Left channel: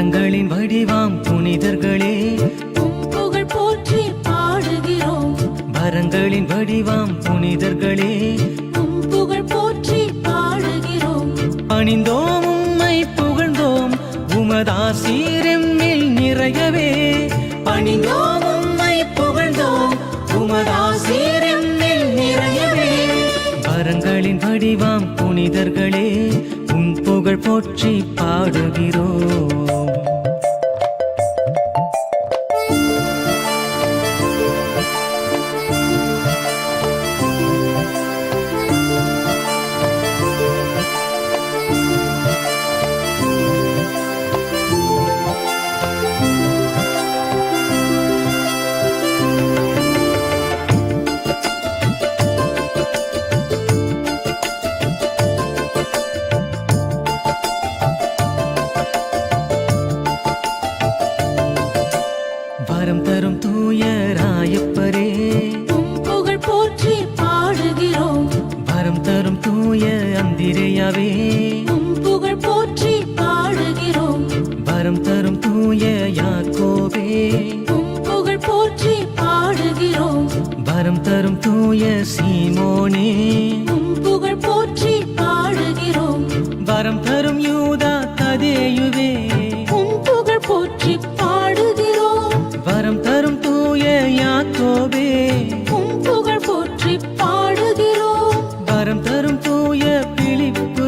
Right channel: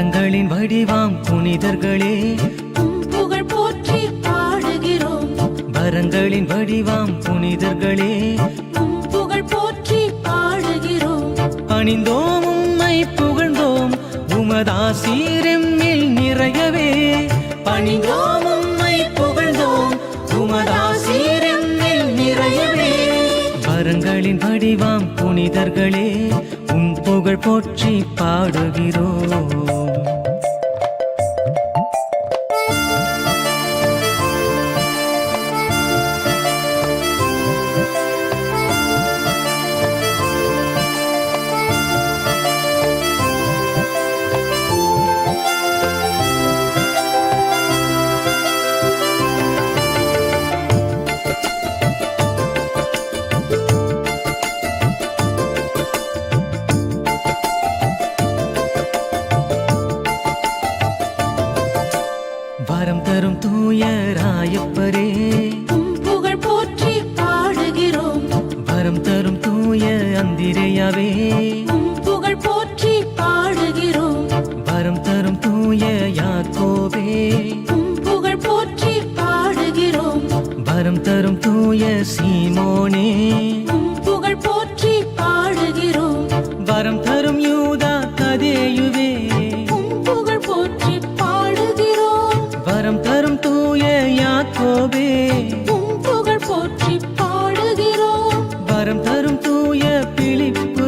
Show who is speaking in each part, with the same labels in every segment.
Speaker 1: வரங்களின் வடிவாம் புனிதர்களே.
Speaker 2: போற்றி பாடுகிறோம்.
Speaker 1: வரங்களின் வடிவாம் புனிதர்களே.
Speaker 2: புகழ் போற்றி பாடுகிறோம்.
Speaker 1: பணிந்தோம் உம்மை புகழ்ந்தோம். உமதாசீரெம்மில் நிறையவே. பணிந்தோம் உம்மை புகழ்ந்தோம். உமதாசீரெம்மில் நிறையவே. வரங்களின் வடிவாம் புனிதர்களே. உன் புகழ் போற்றி பாடுகிறோம். ராயப்பரே
Speaker 2: உம் புகழ் போற்றி பாடுகிறோம்.
Speaker 1: வரம் தரும் தூய அந்திரையாவே.
Speaker 2: புகழ் போற்றி பாடுகிறோம்.
Speaker 1: வரம் தரும் தூய யாக்கோபே.
Speaker 2: உம் புகழ் போற்றி பாடுகிறோம்.
Speaker 1: வரம் தரும் தூய சீமோனே.
Speaker 2: புகழ் போற்றி பாடுகிறோம்.
Speaker 1: வரம் தரும் யூதா கதேயுவே. யாக்கோபே
Speaker 2: புகழ் போற்றி பாடுகிறோம்.
Speaker 1: வரம் தரும் தூய பிலிப்புவே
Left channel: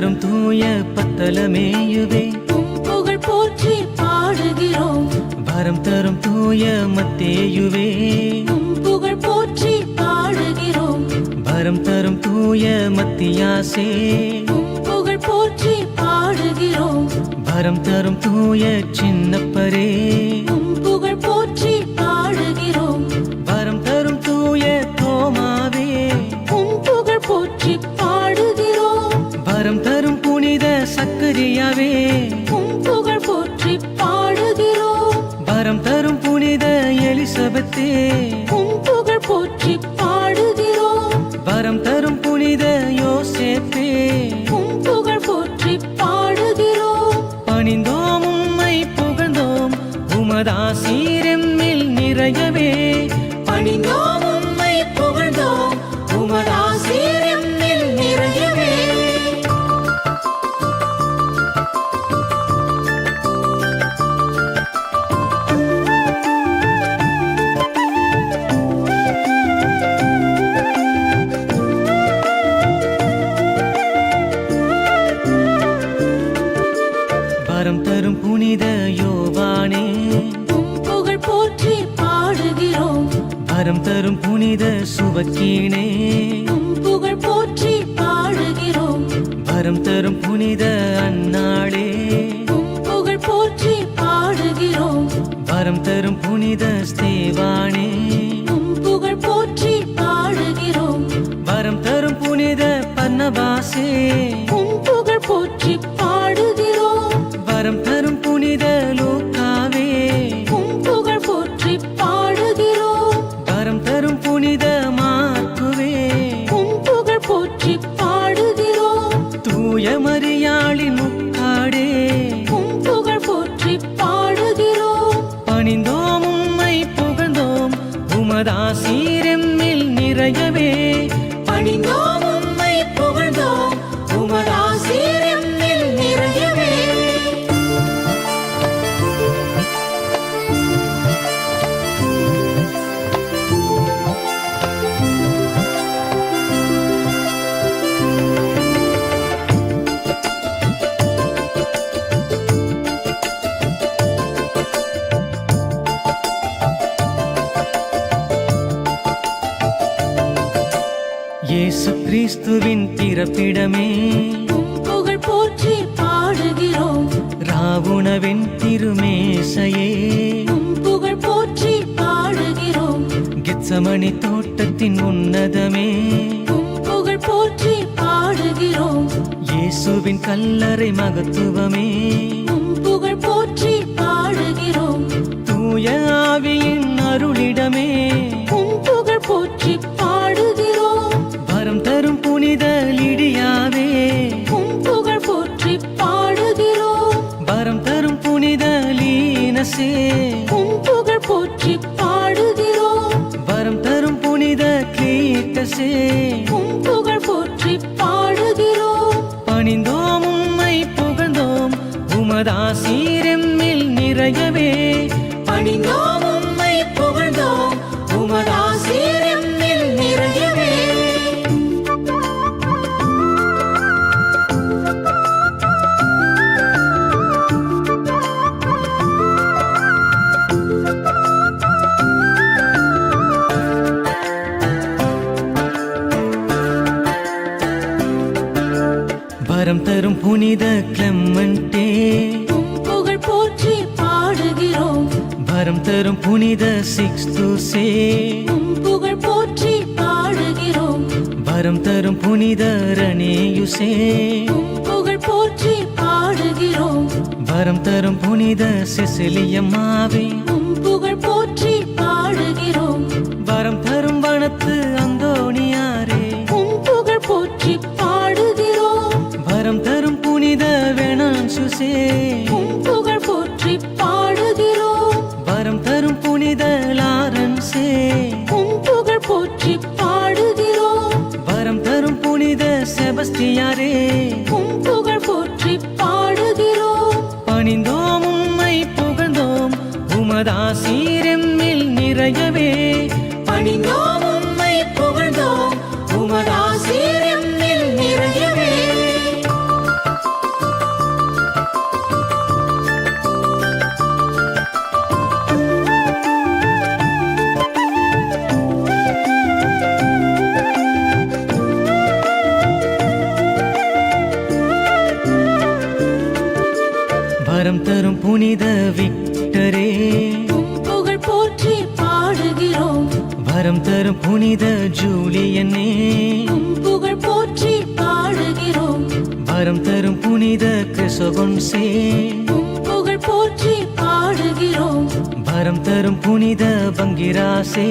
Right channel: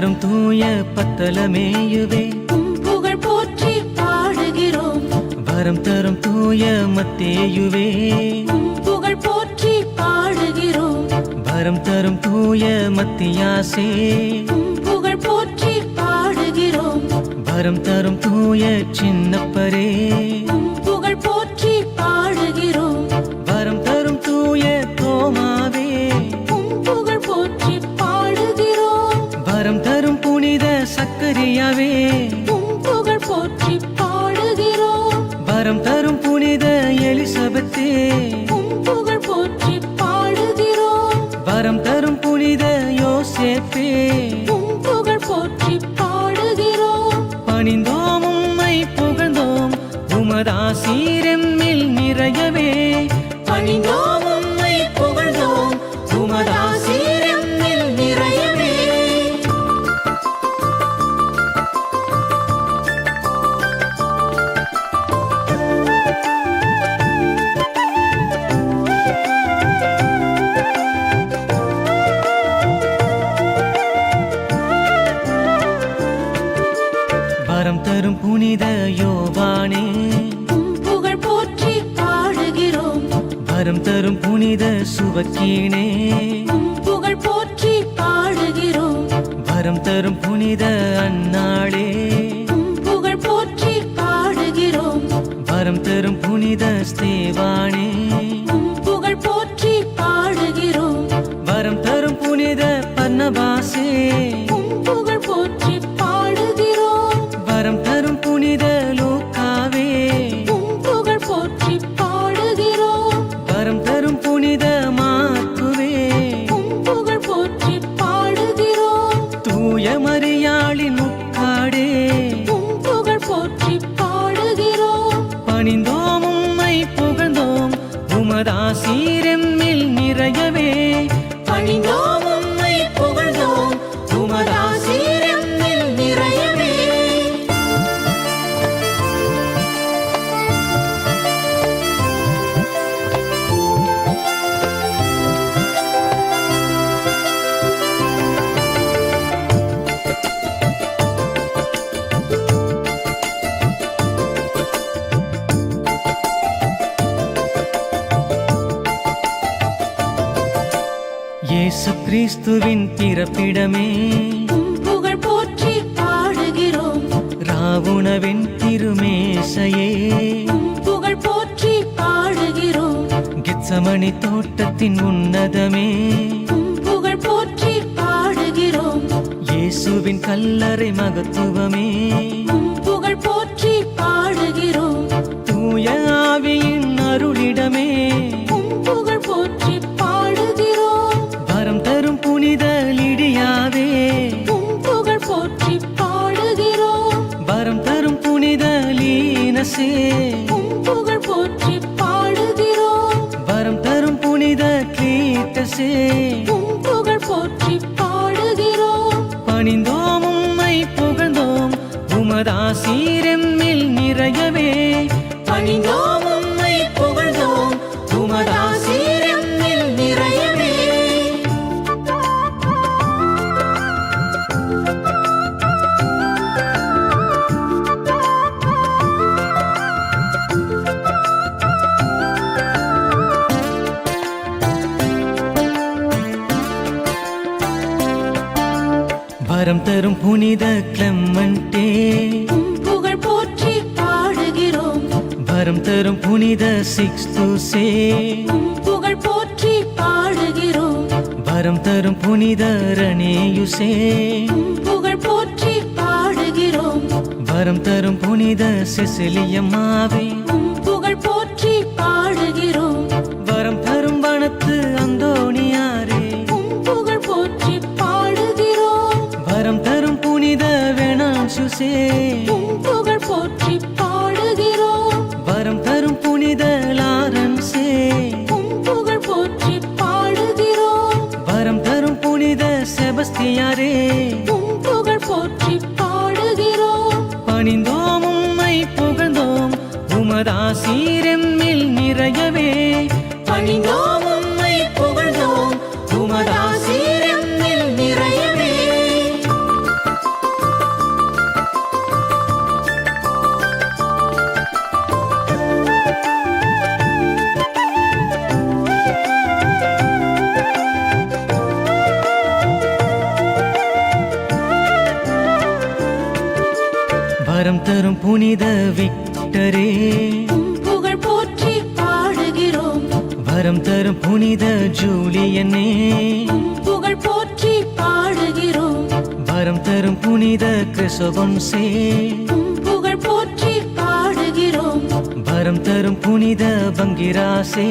Speaker 1: தரும் தூய பத்தலமேயுவே.
Speaker 2: புகழ் போற்றி பாடுகிறோம்.
Speaker 1: வரம் தரும் தூய மத்தேயுவே.
Speaker 2: புகழ் போற்றி பாடுகிறோம்.
Speaker 1: வரம் தரும் தூய மத்தியாசே.
Speaker 2: புகழ் போற்றி பாடுகிறோம்.
Speaker 1: வரம் தரும் தூய சின்னப்பரே.
Speaker 2: புகழ் போற்றி பாடுகிறோம்.
Speaker 1: வரம் தரும் தூய தோமாவே. சக்கரியாவே.
Speaker 2: புகழ் போற்றி பாடுகிறோம்.
Speaker 1: வரம் தரும் புனித எலிசபெத்தே.
Speaker 2: புகழ் போற்றி பாடுகிறோம்.
Speaker 1: வரம் தரும் புனித யோசேப்பே.
Speaker 2: புகழ் போற்றி பாடுகிறோம்.
Speaker 1: பணிந்தோம் உம்மை புகழ்ந்தோம். உமதாசீரெம்மில் நிறையவே. பணிந்தோம் புனித யோவானே.
Speaker 2: புகழ் போற்றி பாடுகிறோம்.
Speaker 1: வரம் தரும் புனித சுவக்கீனே.
Speaker 2: புகழ் போற்றி பாடுகிறோம்.
Speaker 1: வரம் தரும் புனித அன்னாளே.
Speaker 2: புகழ் போற்றி பாடுகிறோம்.
Speaker 1: வரம் தரும் புனித ஸ்தேவானே.
Speaker 2: புகழ் போற்றி பாடுகிறோம்.
Speaker 1: வரம் தரும் புனித பர்ணபாசே.
Speaker 2: புகழ் போற்றி பாடுகிறோம்.
Speaker 1: வரம் தரும் புனித லூக்காவே
Speaker 2: புகழ் போற்றி பாடுகிறோம்.
Speaker 1: வரம் தரும் புனித
Speaker 2: உம் புகழ் போற்றி பாடுகிறோம்.
Speaker 1: தூய மரியாளின் முக்காடே
Speaker 2: புகழ் போற்றி பாடுகிறோம்.
Speaker 1: பணிந்தோம் உம்மை புகழ்ந்தோம். உமதாசீரெம்மில் நிறையவே. கிறிஸ்துவின் பிறப்பிடமே.
Speaker 2: புகழ் போற்றி பாடுகிறோம்.
Speaker 1: ராவுணவின் திருமேசையே.
Speaker 2: புகழ் போற்றி பாடுகிறோம்.
Speaker 1: கெத்சமணி தோட்டத்தின் உன்னதமே.
Speaker 2: புகழ் போற்றி பாடுகிறோம்.
Speaker 1: இயேசுவின் கல்லறை மகத்துவமே.
Speaker 2: புகழ் போற்றி பாடுகிறோம்.
Speaker 1: தூய ஆவியின் அருளிடமே. தரும் புனித லிடியாவே
Speaker 2: உம் புகழ் போற்றி பாடுகிறோம்.
Speaker 1: வரம் தரும் புனித லீனசே
Speaker 2: உம் புகழ் போற்றி பாடுகிறோம்.
Speaker 1: வரம் தரும் புனித கிளீட்டசே
Speaker 2: புகழ் போற்றி பாடுகிறோம்.
Speaker 1: பணிந்தோம் உம்மை புகழ்ந்தோம். உமதாசீரெம்மில் நிறையவே. பணிந்தோம் உம்மை புகழ்ந்தோம். உமதாசீரெம்மில் புனித கிளம்மண்டே
Speaker 2: புகழ் போற்றி பாடுகிறோம்.
Speaker 1: வரம் தரும் புனித சிக்ஸ்துசே
Speaker 2: உம் புகழ் போற்றி பாடுகிறோம்.
Speaker 1: வரம் தரும் புனித ரணேயுசே
Speaker 2: புகழ் போற்றி பாடுகிறோம்.
Speaker 1: வரம் தரும் புனித செசிலியம்மாவே.
Speaker 2: புகழ் போற்றி பாடுகிறோம்.
Speaker 1: வரம் தரும் வனத்து அந்தோணியாரே புனித வேணான்சுசே
Speaker 2: உம் புகழ் போற்றி பாடுகிறோம்.
Speaker 1: வரம் தரும் புனித லாரன்சே
Speaker 2: புகழ் போற்றி பாடுகிறோம்.
Speaker 1: வரம் தரும் புனித செபஸ்தியாரே.
Speaker 2: புகழ் போற்றி பாடுகிறோம்.
Speaker 1: பணிந்தோம் உம்மை புகழ்ந்தோம். உமதாசீரெம்மில் நிறையவே. பணிந்தோம் உம்மை புகழ்ந்தோம். உமதாசீரெம்மில் வரம் தரும் புனித விக்டரே.
Speaker 2: புகழ் போற்றி பாடுகிறோம்.
Speaker 1: வரம் தரும் புனித ஜூலியனே.
Speaker 2: புகழ் போற்றி பாடுகிறோம்.
Speaker 1: வரம் தரும் புனித கிறிசோகொன்சே
Speaker 2: புகழ் போற்றி பாடுகிறோம்.
Speaker 1: வரம் தரும் புனித பங்கிராசே.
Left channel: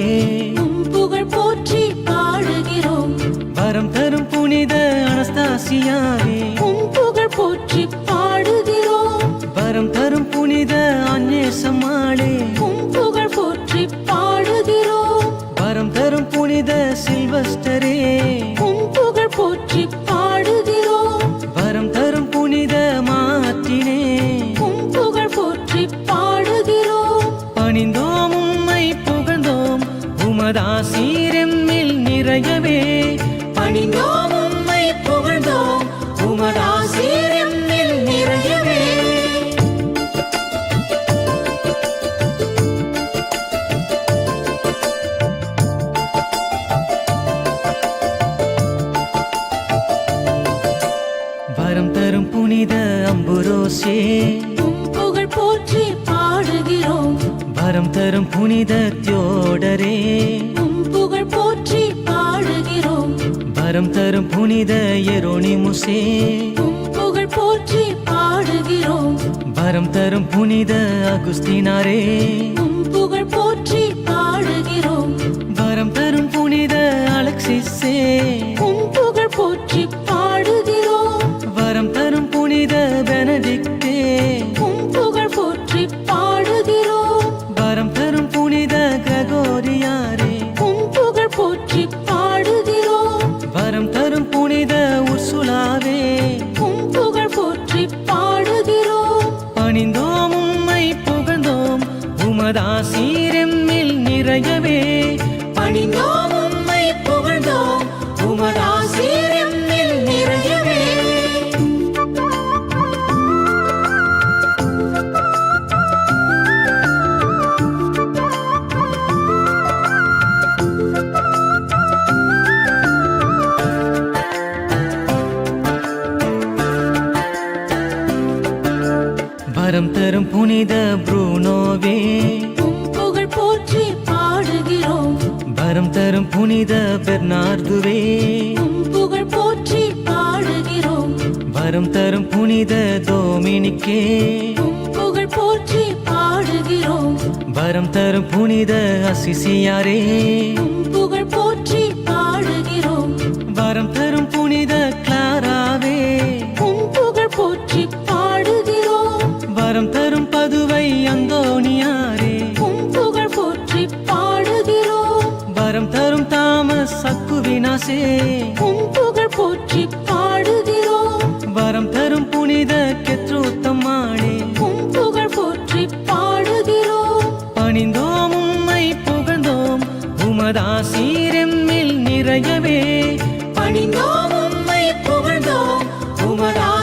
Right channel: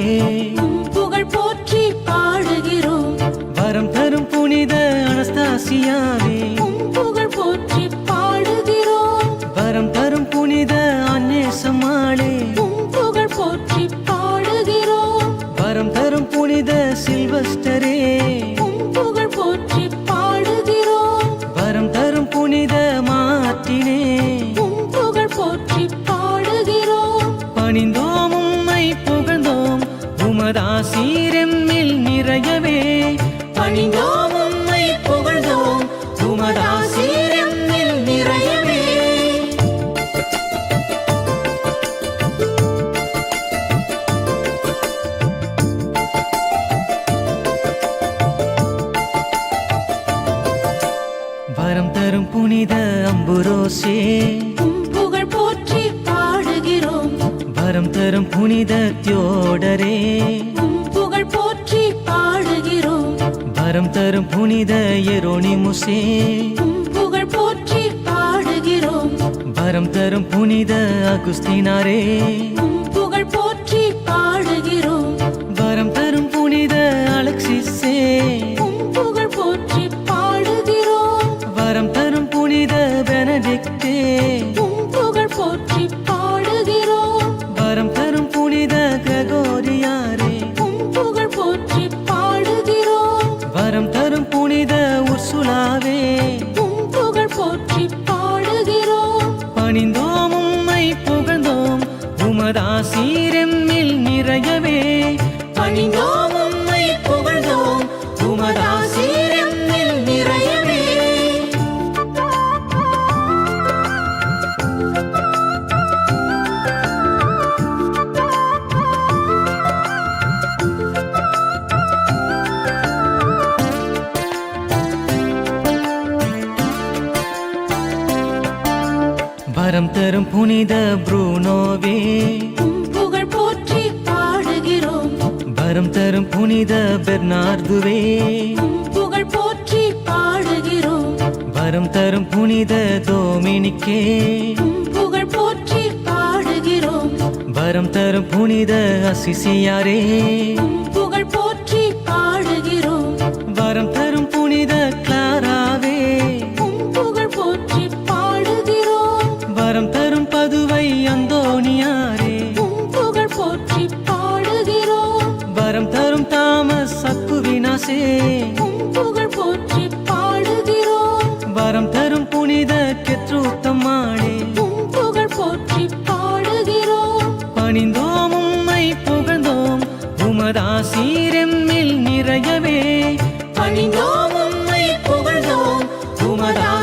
Speaker 2: புகழ் போற்றி பாடுகிறோம்.
Speaker 1: வரம் தரும் புனித அனஸ்தாசியாவே. வரம் தரும் புனித அந்நேசமாளே
Speaker 2: புகழ் போற்றி பாடுகிறோம்.
Speaker 1: வரம் தரும் புனித சில்வஸ்டரே.
Speaker 2: புகழ் போற்றி பாடுகிறோம்.
Speaker 1: வரம் தரும் புனித மாற்றினே
Speaker 2: உம் புகழ் போற்றி பாடுகிறோம்.
Speaker 1: பணிந்தோம் உம்மை புகழ்ந்தோம். உமதாசீரெம்மில் நிறையவே. பணிந்தோம்
Speaker 2: உம் புகழ் போற்றி பாடுகிறோம்.
Speaker 1: வரம் தரும் புனித தியோடரே.
Speaker 2: புகழ் போற்றி பாடுகிறோம்.
Speaker 1: வரம் தரும் புனித எரோனிமுசே.
Speaker 2: உம் புகழ் போற்றி பாடுகிறோம்.
Speaker 1: வரம் தரும் புனித அகுஸ்தினாரே.
Speaker 2: புகழ் போற்றி பாடுகிறோம்.
Speaker 1: வரம் தரும் புனித அலெக்சிஸே.
Speaker 2: புகழ் போற்றி பாடுகிறோம்.
Speaker 1: வரம் தரும் புனித கிரகோரியாரே.
Speaker 2: புகழ் போற்றி பாடுகிறோம்.
Speaker 1: வரம் தரும் புனித உர்சுலாவே.
Speaker 2: புகழ் போற்றி பாடுகிறோம்.
Speaker 1: பணிந்தோம் உம்மை புகழ்ந்தோம். உமதாசீரெம்மில் நிறையவே. பணிந்தோம் உம்மை புகழ்ந்தோம். உமதாசீரெம்மில் தரும் புனித புரூனோவே.
Speaker 2: புகழ் போற்றி பாடுகிறோம்.
Speaker 1: வரம் தரும் புனித பெர்னார்துவே.
Speaker 2: புகழ் போற்றி பாடுகிறோம்.
Speaker 1: வரம் தரும் புனித தோமினிக்கே.
Speaker 2: புகழ் போற்றி பாடுகிறோம்.
Speaker 1: வரம் தரும் புனித அசிசியாரே.
Speaker 2: புகழ் போற்றி பாடுகிறோம்.
Speaker 1: வரம் தரும் புனித கிளாராவே. தரும் பதுவை அந்தோணியாரே.
Speaker 2: புகழ் போற்றி பாடுகிறோம்.
Speaker 1: வரம் தரும் தாமஸ் சக்குவினாசே
Speaker 2: உம் புகழ் போற்றி பாடுகிறோம்.
Speaker 1: வரம் தரும் புனித கெத்ரூத்தம்மாளே.
Speaker 2: உம் புகழ் போற்றி பாடுகிறோம்.
Speaker 1: பணிந்தோம் உம்மை புகழ்ந்தோம். உமதாசீரெம்மில் நிறையவே. பணிந்தோம் உம்மை புகழ்ந்தோம். உமதாசீரெம்மில்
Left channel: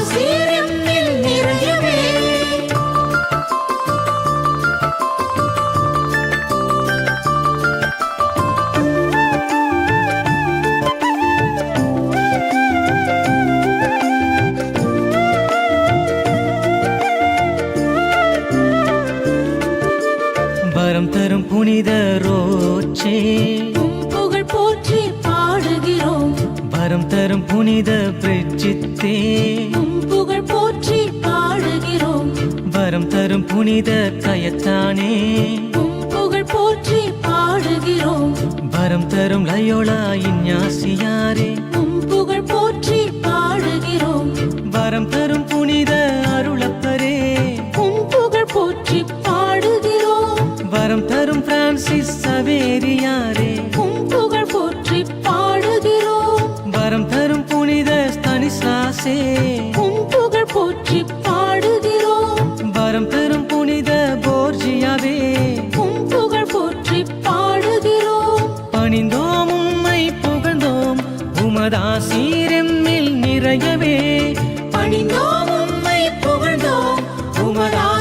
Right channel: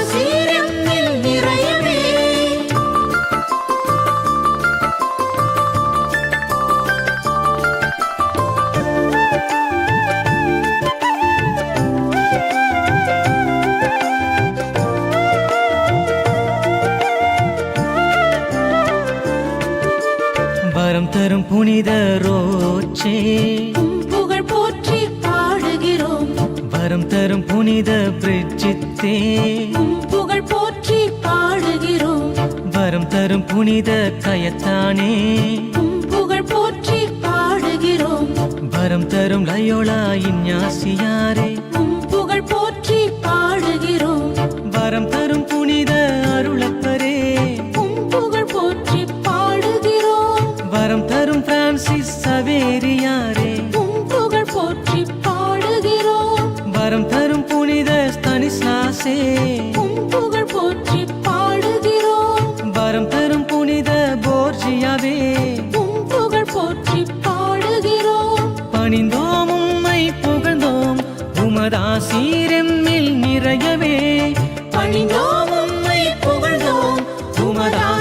Speaker 1: தரும் புனித ரோச்சே.
Speaker 2: உம் புகழ் போற்றி பாடுகிறோம்.
Speaker 1: வரம் தரும் புனித பிரிட்ஜித்தே
Speaker 2: புகழ் போற்றி பாடுகிறோம்.
Speaker 1: வரம் தரும் புனித கயத்தானே.
Speaker 2: புகழ் போற்றி பாடுகிறோம்.
Speaker 1: வரம் தரும் லயோலா இஞ்ஞாசியாரே
Speaker 2: உம் புகழ் போற்றி பாடுகிறோம்.
Speaker 1: வரம் தரும் வரம் தரும் பிரான்சிஸ் சவேரியாரே.
Speaker 2: புகழ் போற்றி பாடுகிறோம்.
Speaker 1: வரம் தரும் புனித ஸ்தனிஸ்லாசே.
Speaker 2: புகழ் போற்றி பாடுகிறோம்.
Speaker 1: வரம் தரும் புனித போர்ஜியாவே.
Speaker 2: புகழ் போற்றி பாடுகிறோம்.
Speaker 1: பணிந்தோம் உம்மை புகழ்ந்தோம். உமதாசீரெம்மில் நிறையவே. பணிந்தோம் உம்மை புகழ்ந்தோம். உமதா